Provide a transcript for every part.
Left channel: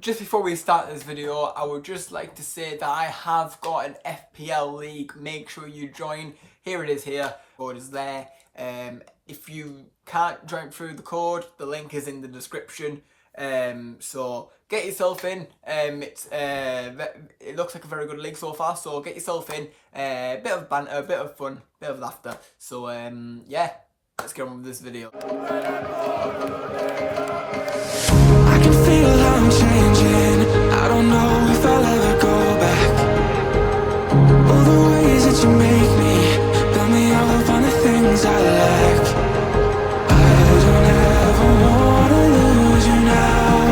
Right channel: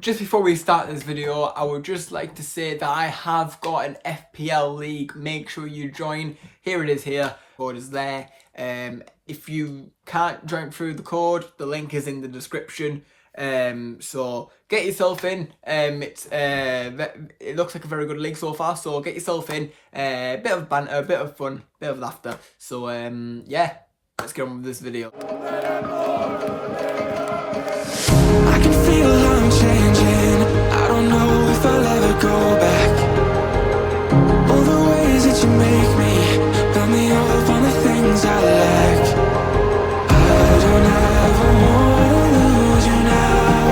Just before we start this video, I would just like to say that I have got an FPL league. Make sure you join. Here it is here. Code is there. If you can't join through the code, the link is in the description. So get yourself in. It looks like a very good league so far. So get yourself in. Bit of banter, a bit of fun, bit of laughter. So yeah, let's get on with this video. I can feel I'm changing. I don't know if I'll ever go back. All the ways that you make me, build me up on the things I lack. I don't ever wanna lose you now,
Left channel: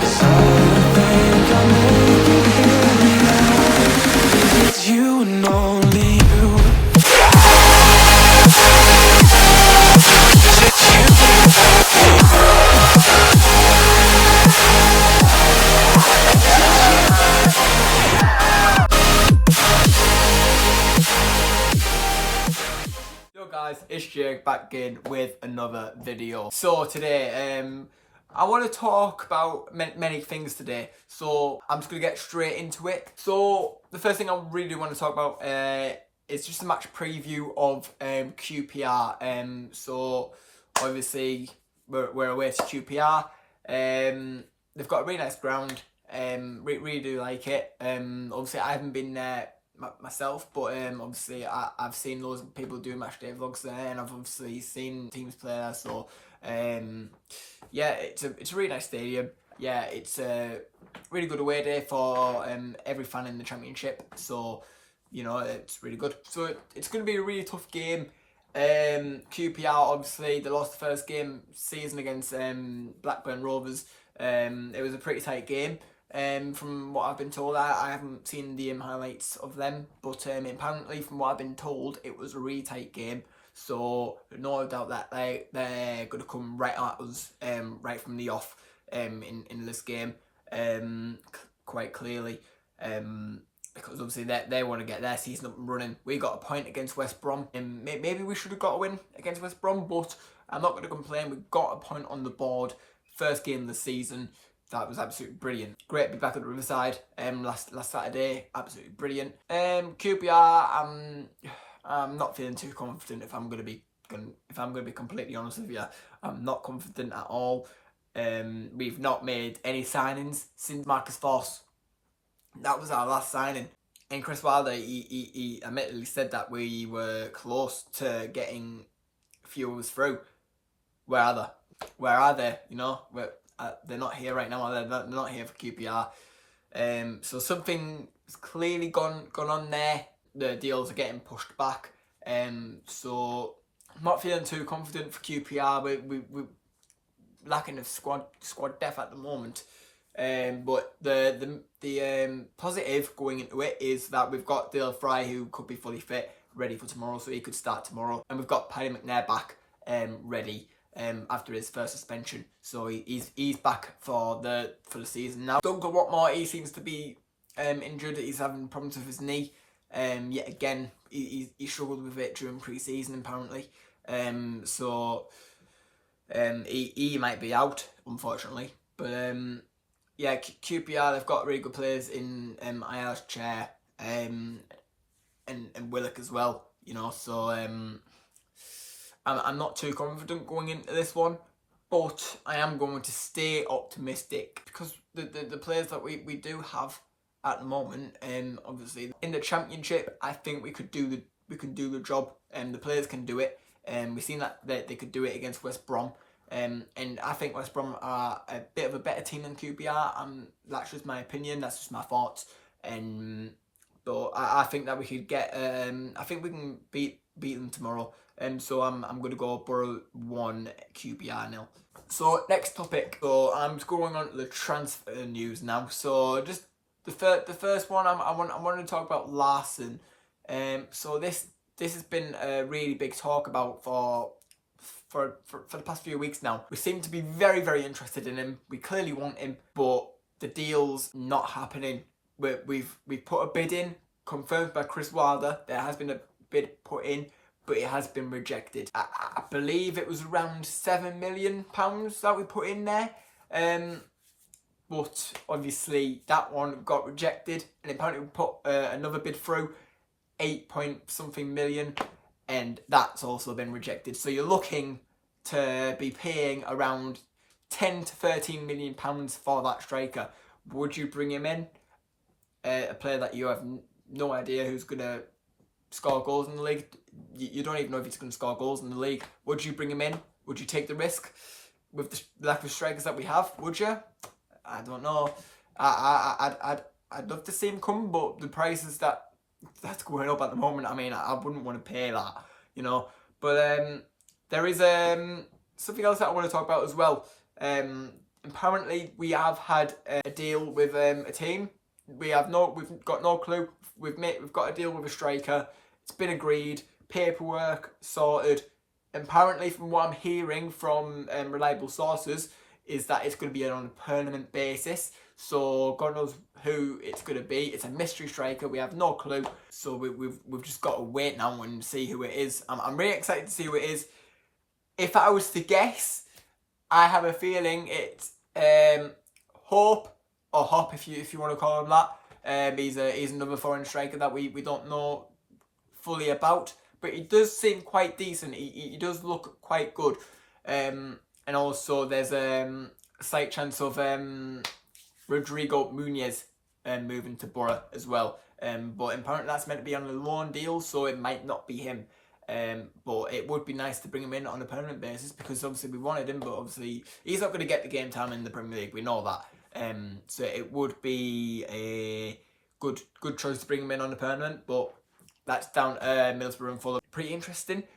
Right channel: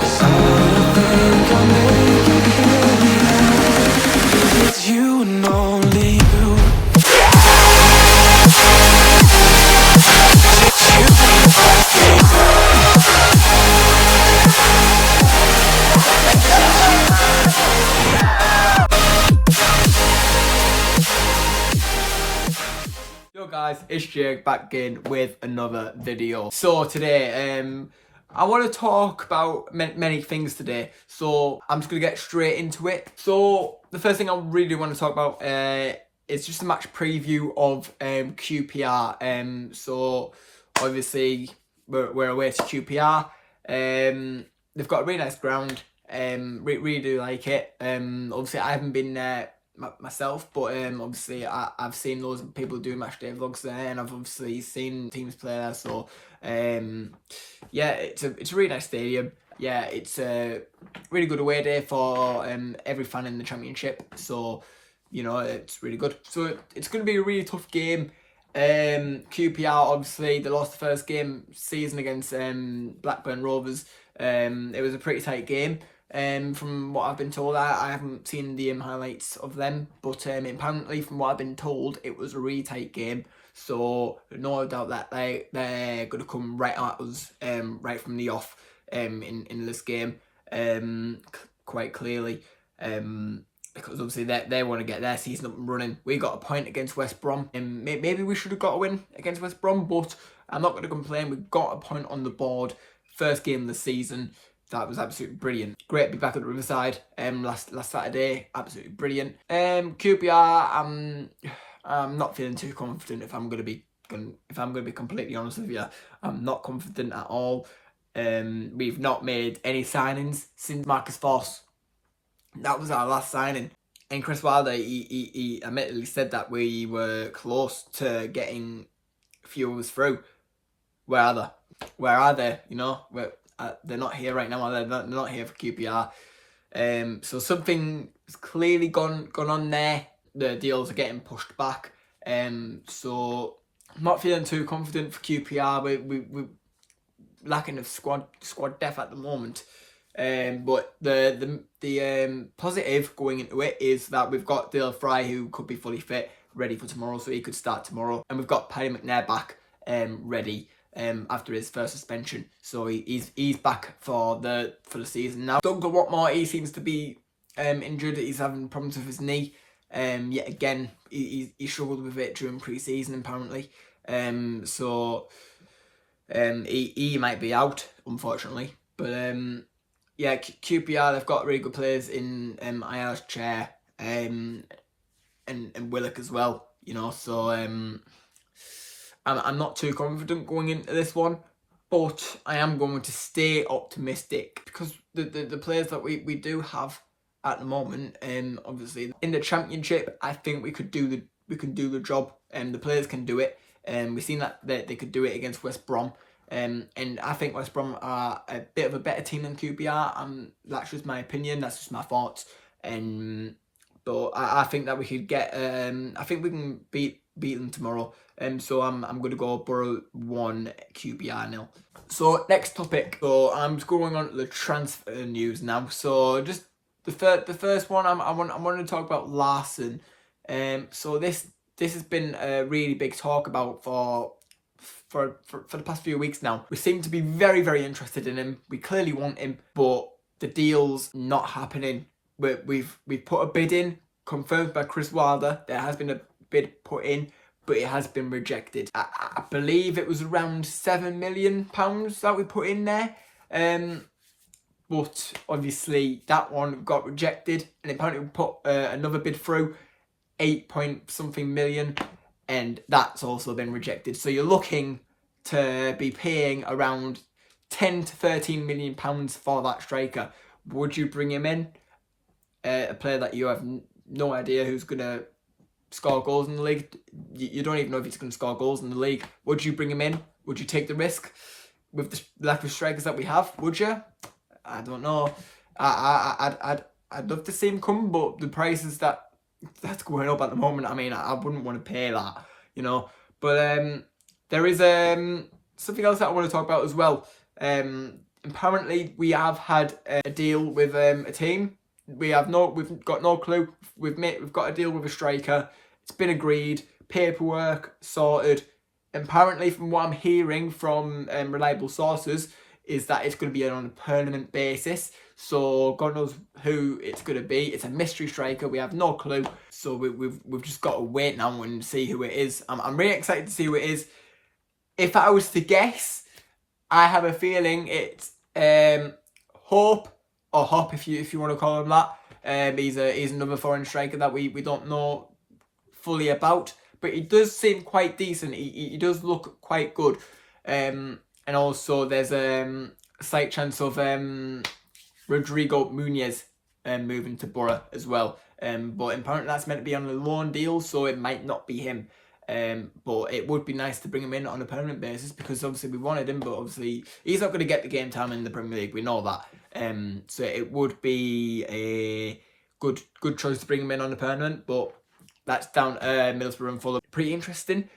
'cause I don't think I'll make it here without, 'cause it's you and only you. 'Cause it's you and only you. Yo guys, it's Jake back in with another video. So today, I want to talk about many things today. So I'm just gonna get straight into it. So the first thing I really want to talk about is just a match preview of QPR. So obviously we're away to QPR. They've got a really nice ground. Really do like it. Obviously I haven't been there myself, but obviously I've seen loads of people do match day vlogs there, and I've obviously seen teams play there. So yeah, it's a really nice stadium. Yeah, it's a really good away day for every fan in the Championship. So you know, it's really good. So it's going to be a really tough game. QPR, obviously they lost the first game season against Blackburn Rovers. It was a pretty tight game. From what I've been told, I haven't seen the highlights of them, but apparently from what I've been told, it was a really tight game. So no doubt that they're going to come right at us right from the off in this game quite clearly, because obviously they want to get their season up and running. We got a point against West Brom, and maybe we should have got a win against West Brom, but I'm not going to complain. We got a point on the board, first game of the season. That was absolutely brilliant. Great to be back at the Riverside last Saturday. Absolutely brilliant. QPR, I'm not feeling too confident. If I'm gonna be completely honest with you, I'm not confident at all. We've not made any signings since Marcus Voss. That was our last signing. And Chris Wilder, he admittedly said that we were close to getting a few of us through. Where are they? Where are they? You know, they're not here right now. They're not here for QPR. So something's clearly gone on there. The deals are getting pushed back. So I'm not feeling too confident for QPR. We're lacking of squad depth at the moment. But the positive going into it is that we've got Dale Fry, who could be fully fit, ready for tomorrow, so he could start tomorrow, and we've got Paddy McNair back, ready after his first suspension, so he's back for the season now. Duncan Watmore, he seems to be injured. He's having problems with his knee. Yet again, he struggled with it during pre-season apparently. So he might be out, unfortunately. But yeah, QPR, they've got really good players in IR's chair and Willock as well. You know, so I'm not too confident going into this one, but I am going to stay optimistic because the players that we do have at the moment, obviously in the Championship, I think we can do the job, and the players can do it. We've seen that they could do it against West Brom, and I think West Brom are a bit of a better team than QPR. That's just my opinion. That's just my thoughts. But I think that we could get. I think we can beat them tomorrow. So I'm going to go Borough 1, QPR 0. So next topic. So I'm just going on to the transfer news now. So just the first one, I want to talk about LARSEN. So this has been a really big talk about for the past few weeks now. We seem to be very, very interested in him. We clearly want him, but the deal's not happening. We've put a bid in, confirmed by Chris Wilder. There has been a bid put in, but it has been rejected. I believe it was around £7 million that we put in there. But obviously that one got rejected, and apparently we put another bid through, 8 point something million, and that's also been rejected. So you're looking to be paying around 10 to 13 million pounds for that striker. Would you bring him in? A player that you have no idea who's going to score goals in the league. You don't even know if he's going to score goals in the league. Would you bring him in? Would you take the risk with the lack of strikers that we have? Would you? I don't know. I'd love to see him come, but the prices that's going up at the moment, I mean, I wouldn't want to pay that, you know. But there is something else that I want to talk about as well. Apparently we have had a deal with a team. We've got no clue. We've got a deal with a striker. It's been agreed. Paperwork sorted. Apparently, from what I'm hearing from reliable sources, is that it's going to be on a permanent basis. So God knows who it's going to be. It's a mystery striker. We have no clue. So we've just got to wait now and see who it is. I'm really excited to see who it is. If I was to guess, I have a feeling it's Hope, or Hop if you want to call him that. He's another foreign striker that we don't know fully about, but he does seem quite decent. He does look quite good. And also there's a slight chance of Rodrigo Muniz moving to Borough as well. But apparently that's meant to be on a loan deal, so it might not be him. But it would be nice to bring him in on a permanent basis, because obviously we wanted him, but obviously he's not going to get the game time in the Premier League. We know that. So it would be a good choice to bring him in on a permanent, but that's down Middlesbrough and Fulham. Pretty interesting.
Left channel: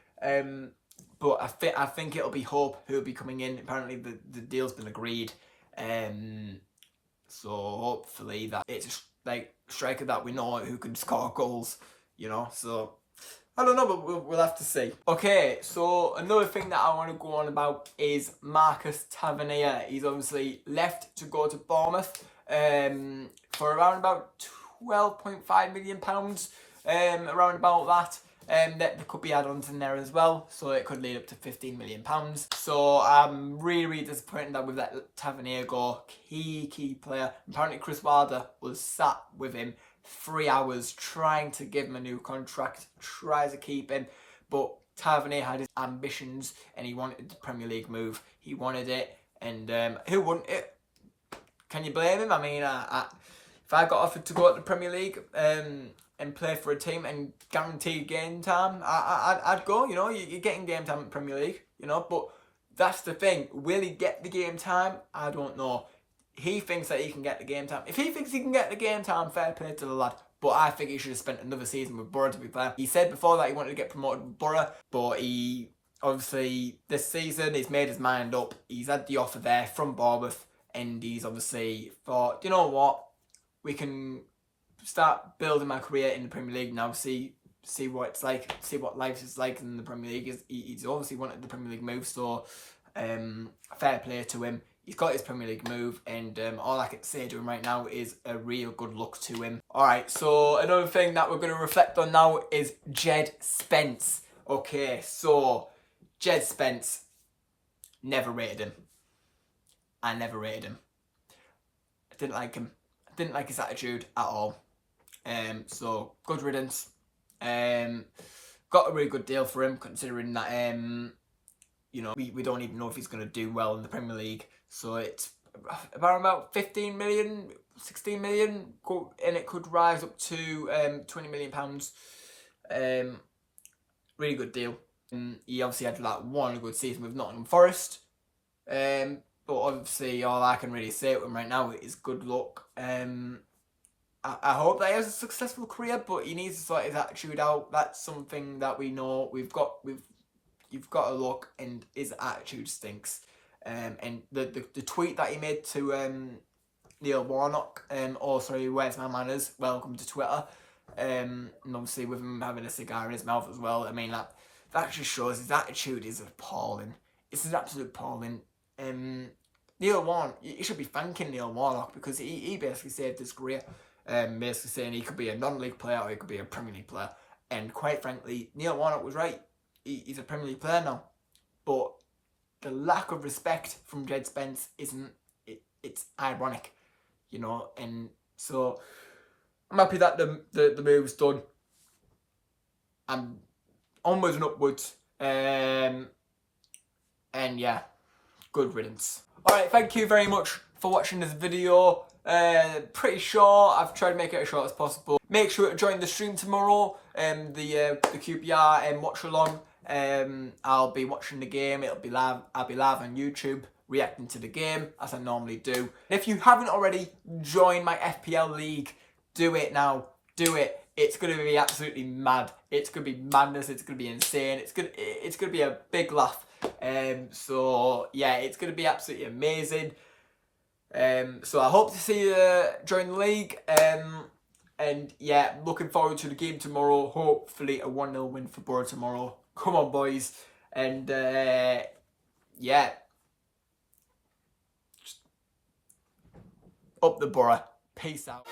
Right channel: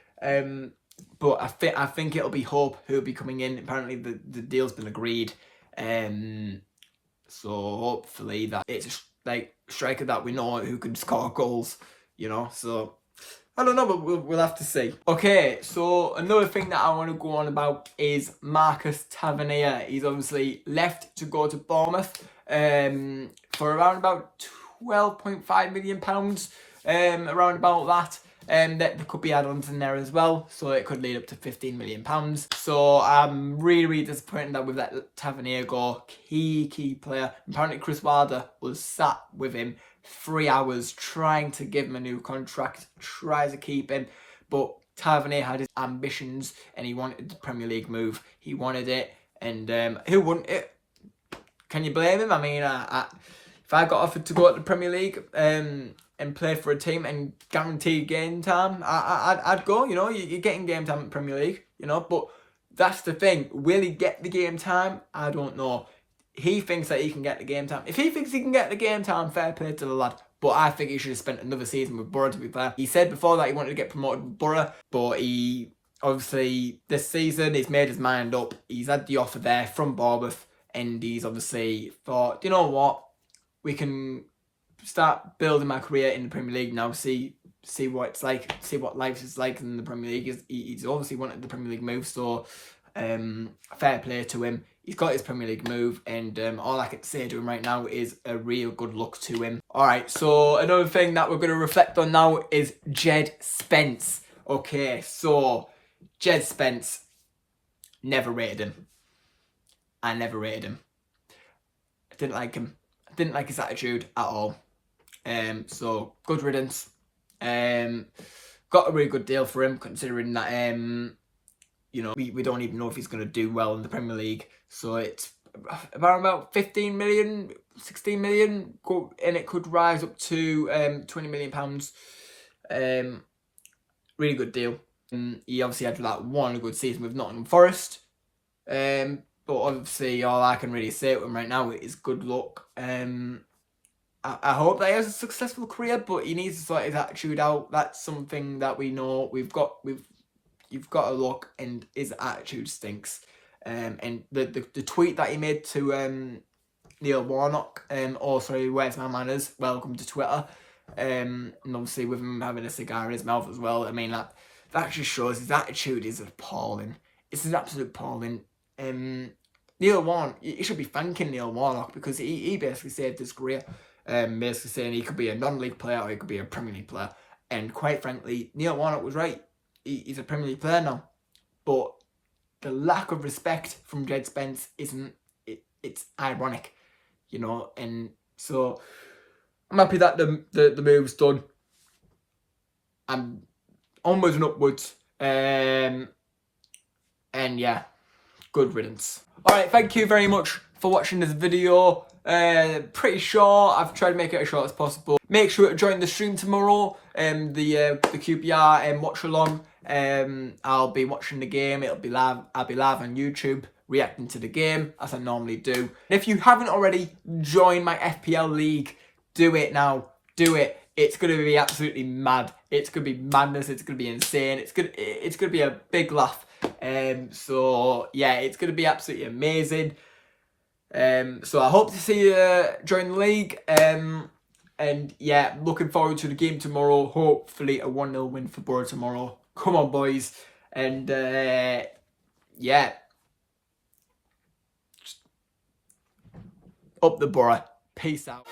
But I think it'll be Hope who'll be coming in. Apparently the deal's been agreed. So hopefully that it's like striker that we know who can score goals, you know. So I don't know, but we'll have to see. Okay, so another thing that I want to go on about is Marcus Tavernier. He's obviously left to go to Bournemouth for around about £12.5 million, around about that. There could be add-ons in there as well, so it could lead up to £15 million. So I'm really disappointed that with that Tavernier go, key player. Apparently Chris Wilder was sat with him 3 hours trying to give him a new contract, try to keep him, but Tavernier had his ambitions and he wanted the Premier League move. He wanted it, and who wouldn't it? Can you blame him? I mean, if I got offered to go to the Premier League and play for a team and guaranteed game time, I'd go. You know, you're getting game time in the Premier League, you know, but that's the thing. Will he get the game time? I don't know. He thinks that he can get the game time. If he thinks he can get the game time, fair play to the lad. But I think he should have spent another season with Borough, to be fair. He said before that he wanted to get promoted with Borough, but he obviously this season he's made his mind up. He's had the offer there from Bournemouth, and he's obviously thought, you know what, we can start building my career in the Premier League now. See what it's like. See what life is like in the Premier League. He's obviously wanted the Premier League move, so fair play to him. He's got his Premier League move, and all I can say to him right now is a real good luck to him. Alright, so another thing that we're going to reflect on now is Jed Spence. Okay, so Jed Spence, never rated him. I never rated him. I didn't like him. I didn't like his attitude at all. So good riddance. Got a really good deal for him, considering that you know, we don't even know if he's going to do well in the Premier League. So it's about 15 million, 16 million, and it could rise up to £20 million. Really good deal. He obviously had that one good season with Nottingham Forest. But obviously all I can really say to him right now is good luck. I hope that he has a successful career, but he needs to sort his attitude out. That's something that we know. You've got to look, and his attitude stinks. And the tweet that he made to Neil Warnock, oh sorry, where's my manners? Welcome to Twitter. And obviously with him having a cigar in his mouth as well. I mean that just shows his attitude is appalling. It's an absolute appalling. Neil Warnock, you should be thanking Neil Warnock, because he basically saved his career. Basically saying he could be a non-league player or he could be a Premier League player. And quite frankly, Neil Warnock was right. He's a Premier League player now. But the lack of respect from Jed Spence isn't. it's ironic, you know. And so I'm happy that the move's done. I'm onwards and upwards. And yeah, good riddance. Alright, thank you very much for watching this video. Pretty short. I've tried to make it as short as possible. Make sure to join the stream tomorrow. The QPR watch along. I'll be watching the game. It'll be live. I'll be live on YouTube reacting to the game as I normally do. If you haven't already joined my FPL league, do it now. Do it. It's gonna be absolutely mad. It's gonna be madness. It's gonna be insane. It's gonna be a big laugh. So yeah, it's gonna be absolutely amazing. So I hope to see you join the league. And yeah, looking forward to the game tomorrow. Hopefully a 1-0 win for Borough tomorrow. Come on, boys. And yeah, just up the Borough. Peace out.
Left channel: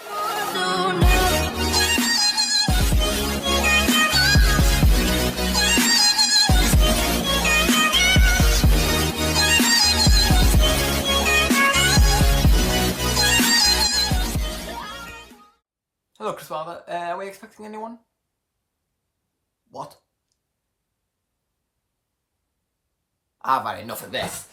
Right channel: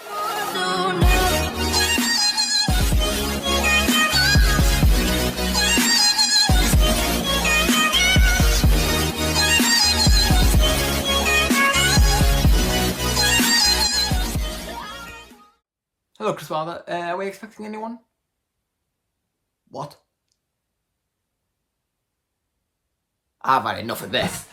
Hello, Chris Wilder. Are we expecting anyone? What? I've had enough of this.